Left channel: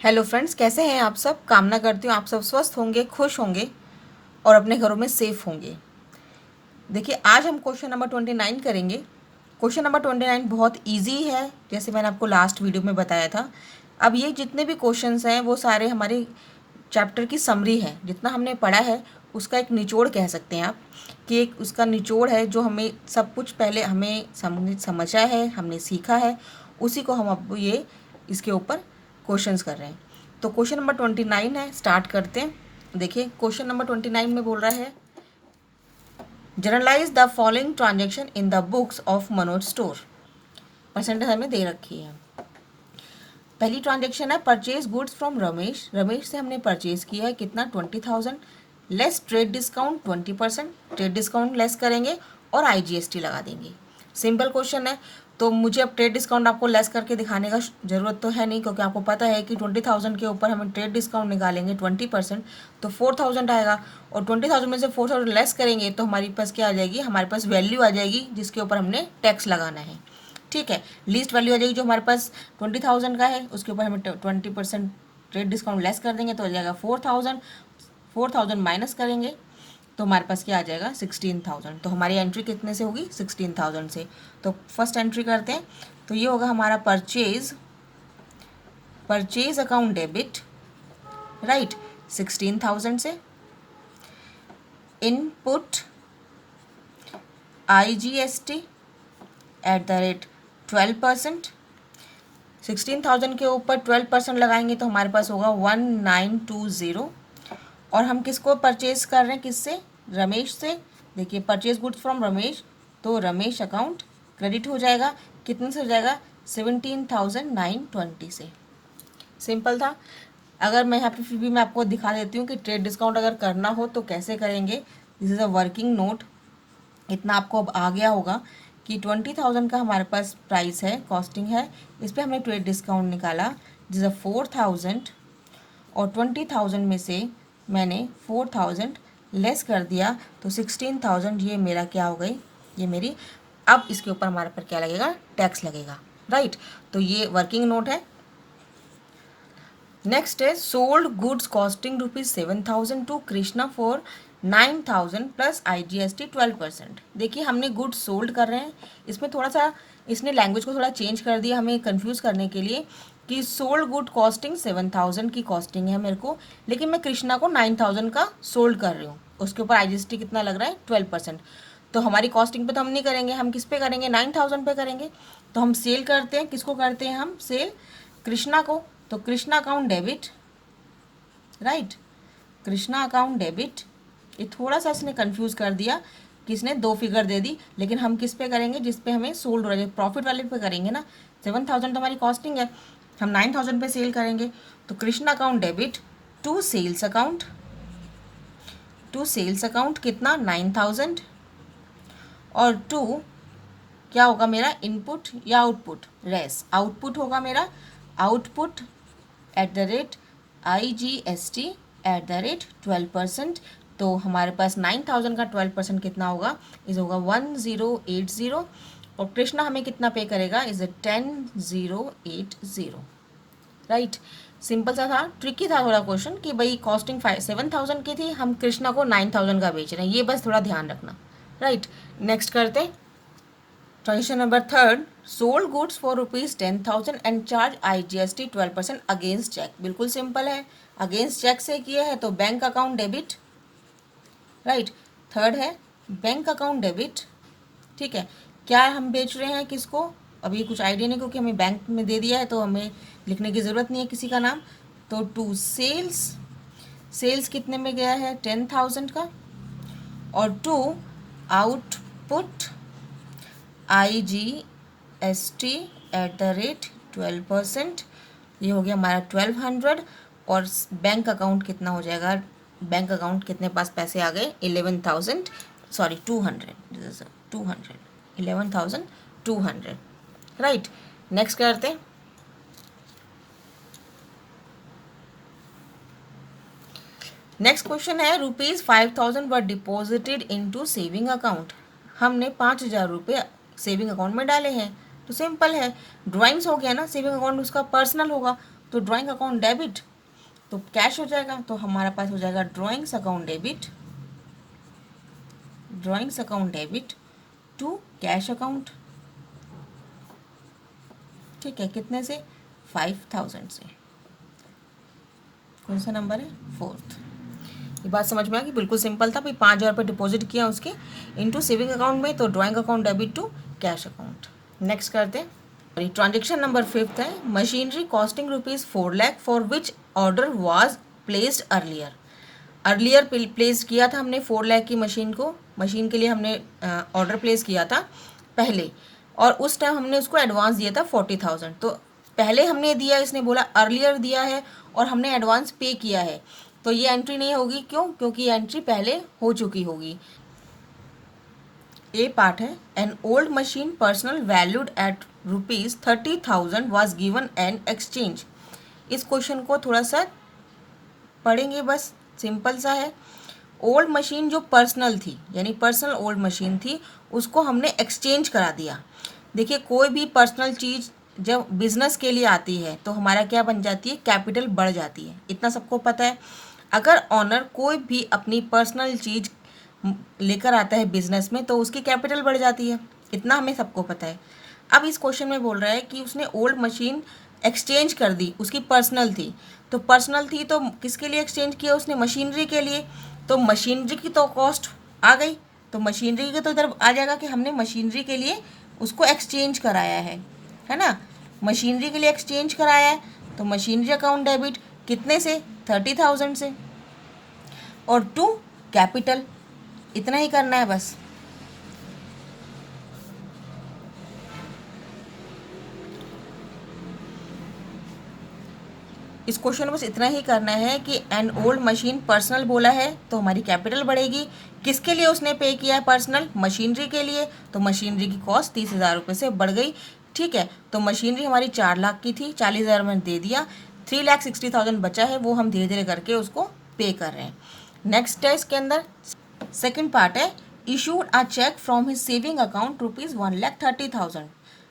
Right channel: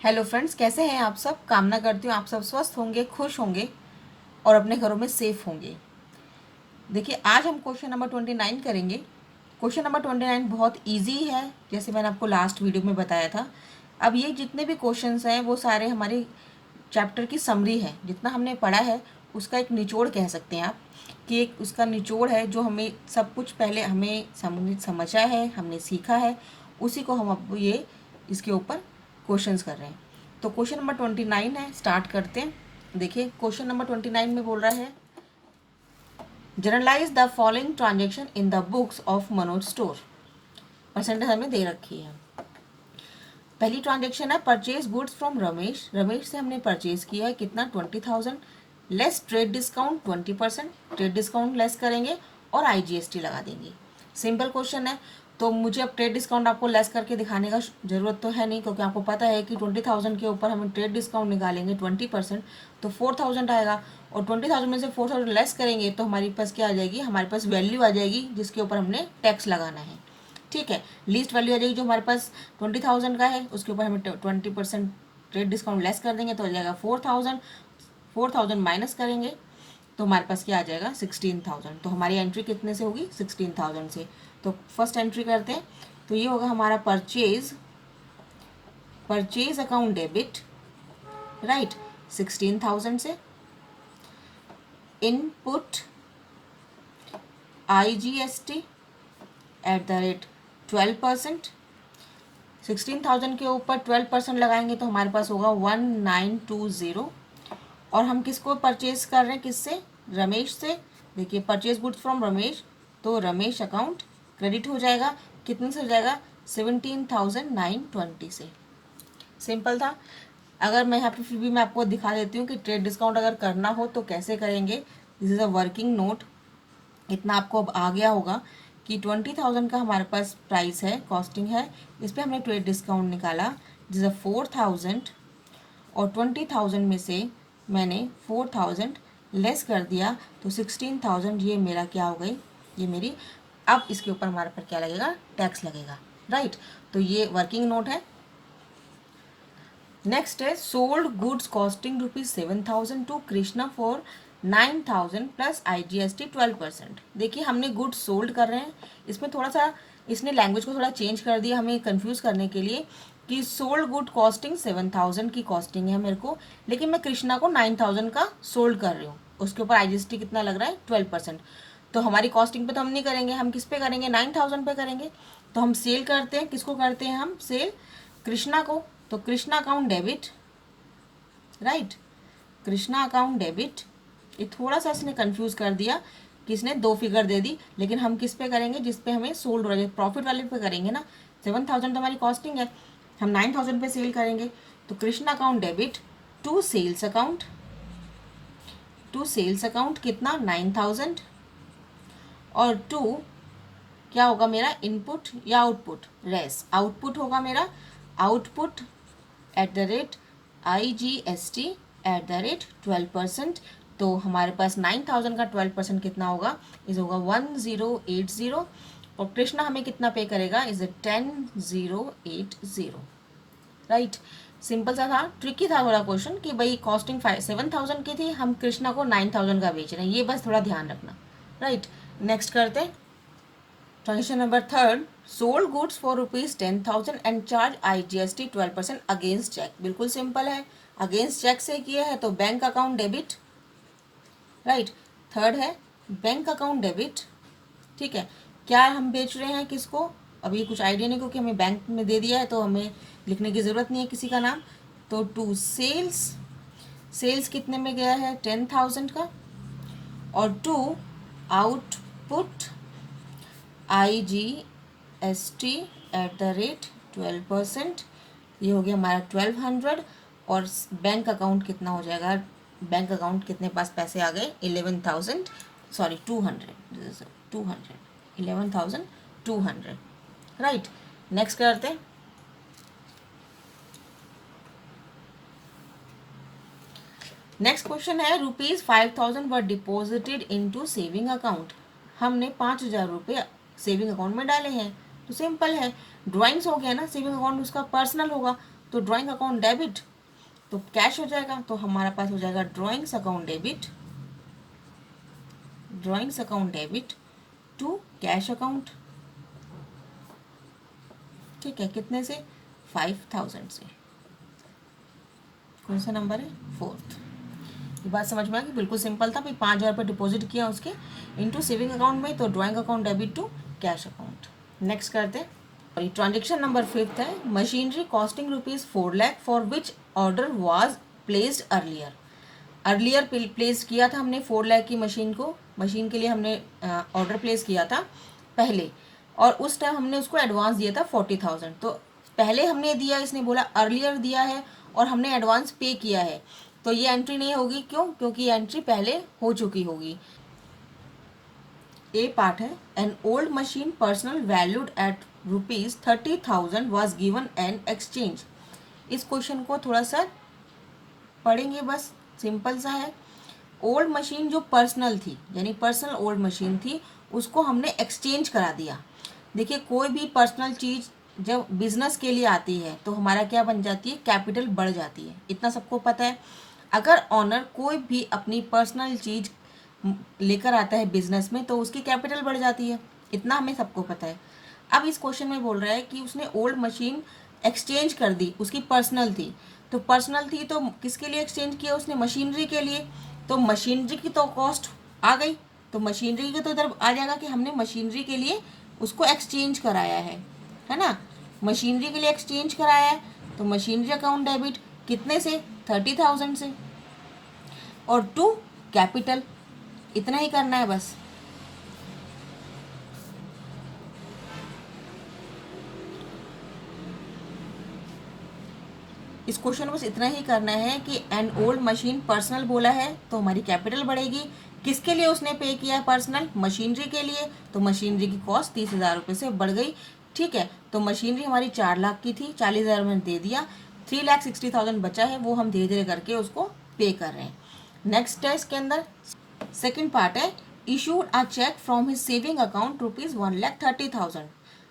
Hello friends, कैसे हैं आप सब। कामना करती हूँ आप सब स्वस्थ होंगे, खुश होंगे और अपने घरों में सेफ होंगे। देखिए, आज हम क्वेश्चन नंबर 29 करेंगे। क्वेश्चन नंबर 29 बहुत इजी है, जैसे मैंने आपको लास्ट वीडियो में बताया था। अब ये जितने भी क्वेश्चंस हैं वो सारे हमारे चैप्टर की समरी है। जितना हमने पढ़ा है उसका एक निचोड़ कह सकते हैं आप, कि एक उसका निचोड़ है जो हमें सब कुछ पहले हमें समझा है, हमने सीखा है, उसी को हम अब ये इसके ऊपर क्वेश्चंस कर रहे हैं। तो क्वेश्चन नंबर 29 है, स्टार्ट करते हैं। देखिए, क्वेश्चन नंबर 29 में बोल रहा है, journalise the following transaction in the books of Manoj store. Percentage हमें दे रखी है। पहली ट्रांजेक्शन है purchase goods from Ramesh. Ramesh से हमने परचेज किया है कितना, 20,000 less trade discount 20%। Trade discount less करेंगे और IGST लगा देंगे। सिंपल क्वेश्चन है। तो मुझे अब ट्रेड डिस्काउंट आपको लेस करके दिखाने का ज़रूरत तो है नहीं, क्योंकि आपको पता है कि 20,000 के ऊपर हम ट्रेड डिस्काउंट निकालेंगे 20%, तो 4,000 आएगा। और 20,000 में से 4,000 लेस करेंगे तो हमारे पास क्या आ जाएगी, हमारे पास वैल्यू आ जाएगी जिसके ऊपर हमने टैक्स लगाना है। ठीक है, लीस्ट वैल्यू आ जाएगी जो हमारे पास 20,000 का है, उसके ऊपर हमें 20% रेट डिस्काउंट लेस कर देंगे तो आ जाएगा 4,000। 4,000 माइनस करेंगे तो हमारे पास क्या आ जाएगा, 16,000। तो हमारी एंट्री कितने से होगी, 16,000 से। तो फर्स्ट एंट्री करते हैं। तो ये होगा हमारा purchase, purchase account debit, right, 16,000 से। Input IGST at the rate 12%। 16,000 के ऊपर 12% लगाएंगे तो हमारे पास होगा 1920। और हम किसको परचेज कर रहे हैं, किससे, रमेश से। देखिए, परचेज गुड्स फ्रॉम रमेश, तो रमेश अकाउंट क्रेडिट हो जाएगा। कितने से हो जाएगा, 17,920 से। सिंपल था। अगर मैं यहाँ पे फिर भी मैं आपको दिखा देती हूँ कि ट्रेड डिस्काउंट अगर करना हो तो कैसे करेंगे। This is a working note. इतना आपको अब आ गया होगा कि 20,000 का हमारे पास प्राइस है, कॉस्टिंग है। इस पर हमने ट्रेड डिस्काउंट निकाला जिस 4,000, और 20,000 में से मैंने 4,000 लेस कर दिया तो 16,000। ये मेरा क्या हो गई, ये मेरी। अब इसके ऊपर हमारे पर क्या लगेगा, टैक्स लगेगा, राइट। तो ये वर्किंग नोट है। नेक्स्ट है sold goods costing ₹7,000 to Krishna for 9,000 plus IGST 12%। देखिए, हमने गुड्स सोल्ड कर रहे हैं। इसमें थोड़ा सा इसने लैंग्वेज को थोड़ा चेंज कर दिया हमें कंफ्यूज करने के लिए, कि सोल्ड गुड कॉस्टिंग 7,000 की कॉस्टिंग है मेरे को, लेकिन मैं कृष्णा को 9,000 का सोल्ड कर रही हूँ। उसके ऊपर IGST कितना लग रहा है, 12%। तो हमारी कॉस्टिंग पे तो हम नहीं करेंगे, हम किस पे करेंगे, 9,000 पे करेंगे। तो हम सेल करते हैं, किसको करते हैं हम सेल, कृष्णा को। तो Krishna account debit, right, Krishna account debit. ये थोड़ा सा इसने कंफ्यूज कर दिया कि इसने दो फिगर दे दी, लेकिन हम किस पे करेंगे, जिस पे हमें सोल्ड हो रहा है, प्रॉफिट वाले पे करेंगे ना। 7,000 तो हमारी कॉस्टिंग है, हम 9,000 पे सेल करेंगे। तो Krishna account debit to sales account, to sales account कितना, 9,000। और टू क्या होगा मेरा, इनपुट या आउटपुट, रेस आउटपुट होगा मेरा। Output at the rate IGST at the rate 12%। तो हमारे पास 9,000 का 12% कितना होगा, इज होगा 1080। और कृष्णा हमें कितना पे करेगा, इज 10,080, राइट। सिंपल सा था, ट्रिकी था थोड़ा क्वेश्चन, कि भाई कॉस्टिंग 7,000 की थी, हम कृष्णा को 9,000 का बेच रहे हैं, ये बस थोड़ा ध्यान रखना, राइट। नेक्स्ट करते हैं। Transaction number third, sold goods for ₹10,000 and charge IGST 12% against cheque. बिल्कुल सिंपल है, अगेंस्ट चेक से किए हैं तो bank account debit, right. Third है बैंक अकाउंट डेबिट, ठीक है। क्या हम बेच रहे हैं, किसको, अभी कुछ आइडिया नहीं, क्योंकि हमें बैंक में दे दिया है तो हमें लिखने की ज़रूरत नहीं है किसी का नाम। तो टू सेल्स, सेल्स कितने में गया है, 10,000 का। और to output IGST at the rate 12%, ये हो गया हमारा 1,200। और बैंक अकाउंट कितना हो जाएगा, बैंक अकाउंट कितने पास पैसे आ गए, 11,000, सॉरी 200, 200, 11,200, राइट। नेक्स्ट करते हैं। नेक्स्ट क्वेश्चन है, ₹5,000 वर डिपॉजिटेड इनटू सेविंग अकाउंट। हमने 5,000 रुपये सेविंग अकाउंट में डाले हैं। तो सिंपल है, ड्राइंग्स हो गया ना, सेविंग अकाउंट उसका पर्सनल होगा, तो ड्राइंग अकाउंट डेबिट तो कैश हो जाएगा, तो हमारा पास हो जाएगा drawings account debit, drawings account debit to cash account. ठीक है, कितने से? 5000 से। कौन सा नंबर है? 4th। ये बात समझ में आ गई? बिल्कुल सिंपल था भाई, 5000 रुपये डिपॉजिट किया उसके इनटू सेविंग अकाउंट में, तो drawing account debit to cash account. Next करते हैं। ट्रांजेक्शन नंबर 5th है, machinery costing rupees 4 lakh for which order was placed earlier. Earlier place किया था हमने 4 लाख की मशीन के लिए हमने ऑर्डर प्लेस किया था पहले, और उस टाइम हमने उसको एडवांस दिया था 40,000। तो पहले हमने दिया, इसने बोला अर्लियर दिया है और हमने एडवांस पे किया है, तो ये एंट्री नहीं होगी। क्यों? क्योंकि ये एंट्री पहले हो चुकी होगी। ए पार्ट है, an old machine personal valued at ₹30,000 was given and exchange. इस क्वेश्चन को थोड़ा सा पढ़ेंगे, बस सिंपल सा है। ओल्ड मशीन जो पर्सनल थी, यानी पर्सनल ओल्ड मशीन थी, उसको हमने एक्सचेंज करा दिया। देखिए, कोई भी पर्सनल चीज़ जब बिजनेस के लिए आती है तो हमारा क्या बन जाती है? कैपिटल बढ़ जाती है, इतना सबको पता है। अगर ऑनर कोई भी अपनी पर्सनल चीज़ लेकर आता है बिजनेस में तो उसकी कैपिटल बढ़ जाती है, इतना हमें सबको पता है। अब इस क्वेश्चन में बोल रहा है कि उसने ओल्ड मशीन एक्सचेंज कर दी, उसकी पर्सनल थी, तो पर्सनल थी तो किसके लिए एक्सचेंज किया उसने? मशीनरी के लिए। तो मशीनरी की तो कॉस्ट आ गई, तो मशीनरी का तो इधर आ जाएगा कि हमने मशीनरी के लिए उसको एक्सचेंज कराया है ना। मशीनरी के लिए एक्सचेंज कराया है, तो मशीनरी अकाउंट डेबिट कितने से? 30,000 से, और टू कैपिटल। इतना ही करना है बस। इस क्वेश्चन में बस इतना ही करना है कि एन ओल्ड मशीन पर्सनल बोला है तो हमारी कैपिटल बढ़ेगी। किसके लिए उसने पे किया है पर्सनल? मशीनरी के लिए, तो मशीनरी की कॉस्ट 30,000 रुपये से बढ़ गई। ठीक है, तो मशीनरी हमारी 4 लाख की थी, 40,000 में दे दिया, 3,60,000 बचा है, वो हम धीरे धीरे करके उसको पे कर रहे हैं। नेक्स्ट है इसके अंदर सेकेंड पार्ट है, issued a cheque from his saving account ₹1,30,000।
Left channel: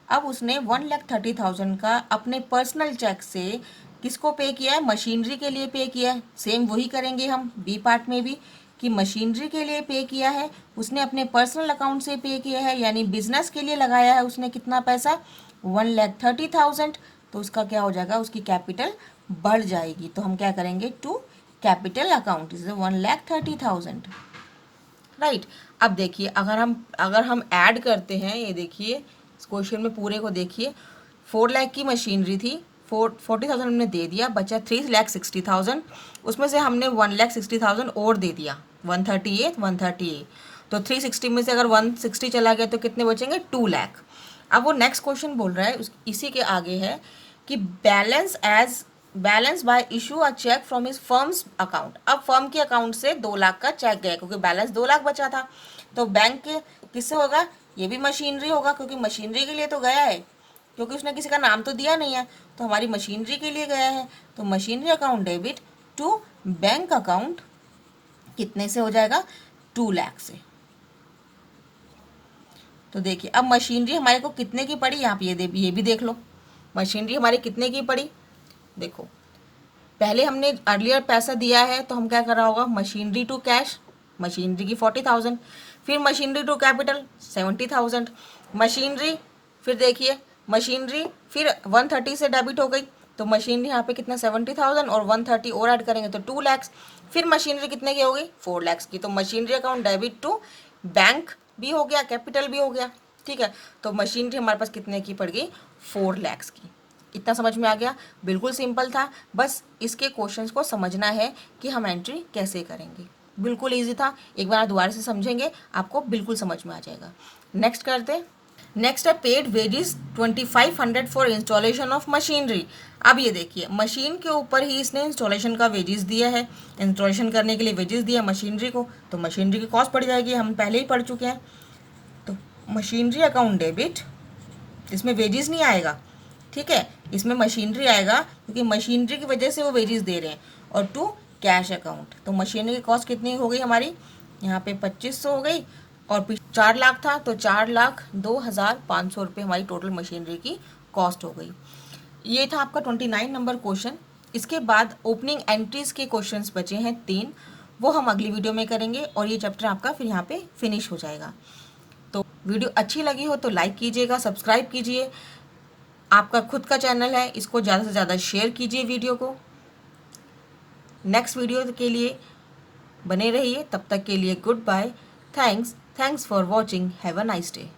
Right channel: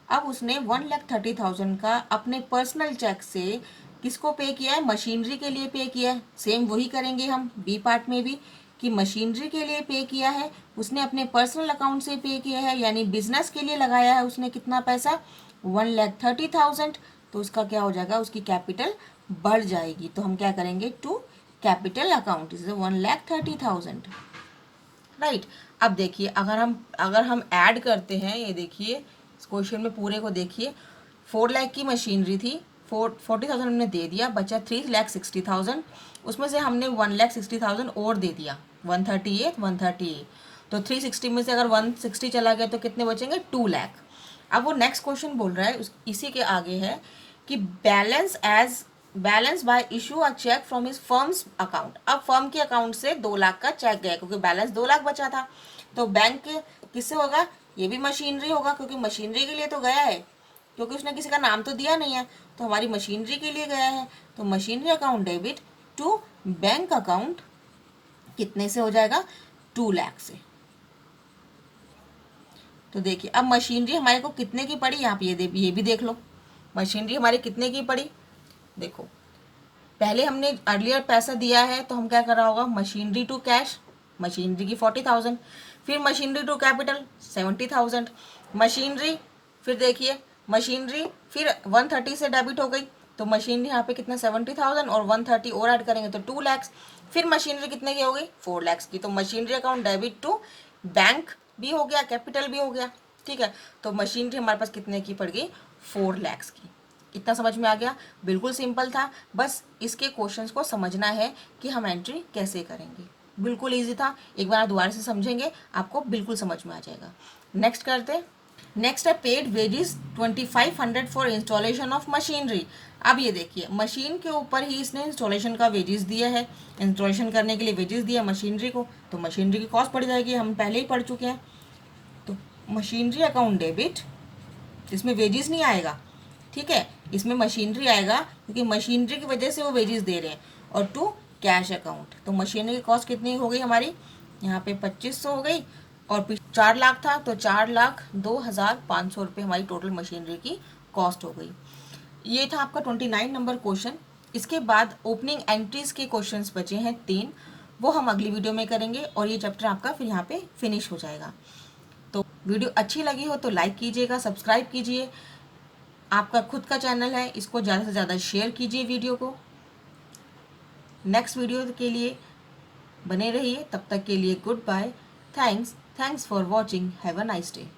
अब उसने 1,30,000 का अपने पर्सनल चेक से किसको पे किया है? मशीनरी के लिए पे किया है। सेम वही करेंगे हम बी पार्ट में भी, कि मशीनरी के लिए पे किया है, उसने अपने पर्सनल अकाउंट से पे किया है, यानी बिजनेस के लिए लगाया है उसने कितना पैसा? 1,30,000। तो उसका क्या हो जाएगा? उसकी कैपिटल बढ़ जाएगी। तो हम क्या करेंगे? To capital account is 1,30,000। Right. अब देखिए, अगर हम ऐड करते हैं, ये देखिए इस क्वेश्चन में पूरे को देखिए, 4 लाख की मशीनरी थी, 40,000 हमने दे दिया, बचा 3,60,000। उसमें से हमने 1,60,000 और दे दिया, 138। तो 360 में से अगर 160 चला गया तो कितने बचेंगे? 2 लाख। अब वो नेक्स्ट क्वेश्चन बोल रहा है, इसी के आगे है कि balance by issue a cheque from his firm's account. अब फर्म के अकाउंट से 2 लाख का चेक गया, क्योंकि बैलेंस 2 लाख बचा था, तो बैंक के किससे होगा? ये भी मशीनरी होगा, क्योंकि मशीनरी के लिए तो गया है, क्योंकि उसने किसी का नाम तो दिया नहीं है, तो हमारी मशीनरी के लिए गया है। तो machinery account debit to bank account कितने से हो जाएगा? 2 लाख से। तो देखिए, अब मशीनरी हमारे को कितने की पड़ी? यहाँ पे ये भी देख लो, मशीनरी हमारी कितने की पड़ी। देखो, पहले हमने अर्लियर पैसा दिया है, तो हम क्या कर रहा होगा? मशीनरी टू कैश, मशीनरी की 40,000, फिर मशीनरी टू कैपिटल 70,000, मशीनरी, फिर देखिए मशीनरी फिर 130 से डेबिट हो गई, तो मशीनरी यहाँ पे कितना? 70,000, और 130 और ऐड करेंगे तो 2 लाख। फिर मशीनरी कितने की हो गई? 4 लाख की। तो machinery account debit to bank भी हो गया, कैपिटल भी हो गया। ठीक है, तो मशीनरी हमारे पास कितने की पड़ गई? 4 लाख की। इतना समझ में आ गया? बिल्कुल सिंपल था, बस इसके क्वेश्चंस को समझना है कि हम एंट्री कैसे करेंगे। बिल्कुल इजी था, एक बार दोबारा से समझेंगे आपको बिल्कुल समझ में आ जाएगा। नेक्स्ट करते। नेक्स्ट है paid wages 2,500 for installation of machinery. अब ये देखिए, मशीन के ऊपर ही इसने इंस्टॉलेशन का वेजेस दिया है, इंस्टॉलेशन करने के लिए वेजेस दिया मशीनरी को, तो मशीनरी की कॉस्ट पड़ जाएगी, हम पहले ही पढ़ चुके हैं। तो मशीनरी अकाउंट डेबिट, इसमें वेजेस नहीं आएगा, ठीक है, इसमें मशीनरी आएगा, क्योंकि मशीनरी की वजह से वो वेजेस दे रहे हैं, और टू कैश अकाउंट। तो मशीनरी की कॉस्ट कितनी हो गई हमारी? यहाँ पे 2500 हो गई, और 4 लाख था, तो 4,02,500 रुपये हमारी टोटल मशीनरी की कॉस्ट हो गई। ये था आपका 29 नंबर क्वेश्चन। इसके बाद ओपनिंग एंट्रीज के क्वेश्चंस बचे हैं 3, वो हम अगली वीडियो में करेंगे और ये चैप्टर आपका फिर यहाँ पे फिनिश हो जाएगा। तो वीडियो अच्छी लगी हो तो लाइक कीजिएगा, सब्सक्राइब कीजिए। आपका खुद का चैनल है, इसको ज़्यादा से ज़्यादा शेयर कीजिए वीडियो को। नेक्स्ट वीडियो के लिए बने रहिए, तब तक के लिए goodbye. Thanks for watching. Have a nice day.